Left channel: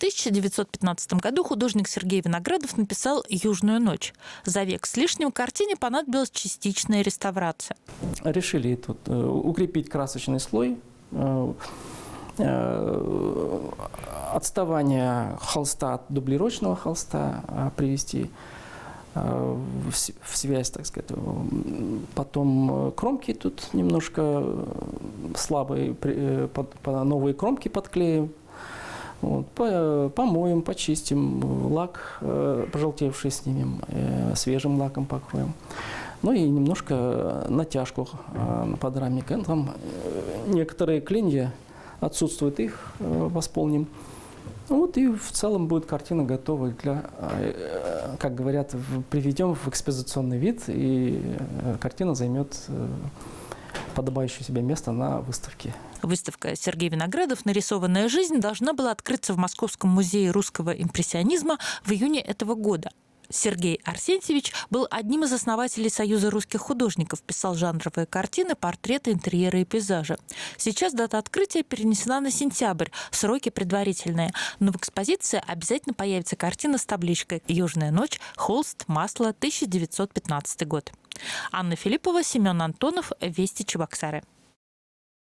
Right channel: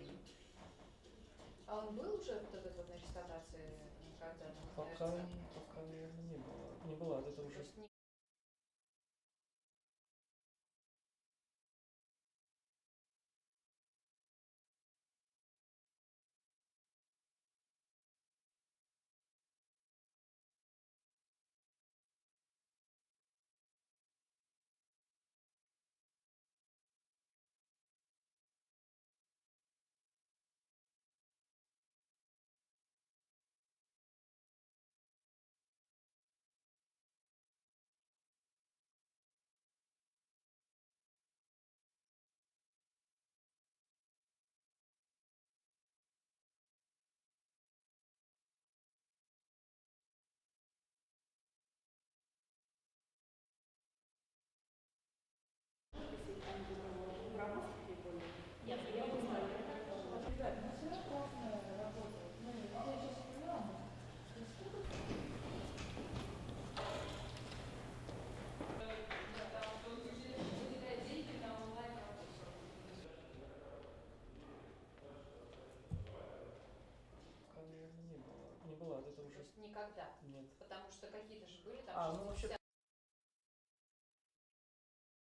1915 году художник Сергей Виноградов написал «Южную ночь». За век с лишним картине понадобилась частичная реставрация. Решили тут укрепить красочный слой, отставание холста от дублировочного холста привести в связь, так сказать. Потом кромки тут немножко слабые, новые кромки подклеим. Вот, помоем, почистим, лак пожелтевший снимем, свежим лаком покроем. Ну и немножко натяжку под рамник. Там некоторые клинья отсутствуют, их восполним. Вот и в целом будет картина готова для, как говорят, приведем в экспозиционный вид, и картина займет подобающее себе место на выставке. Выставка «Сергей Виноградов. Нарисованная жизнь» должна была открыться в Московском музее русского импрессионизма в июне этого года. Сергей Арсентьевич был одним из основателей Союза русских художников, писал жанровые картины, портреты, интерьеры и пейзажи. Сейчас дата открытия перенесена на сентябрь, сроки предварительные. Но в экспозиции обязательно появится картина с табличкой «Южная ночь. Холст. Масло. 1915 год». Анна Филиппова, Семен Антонов. Вести Чебоксары.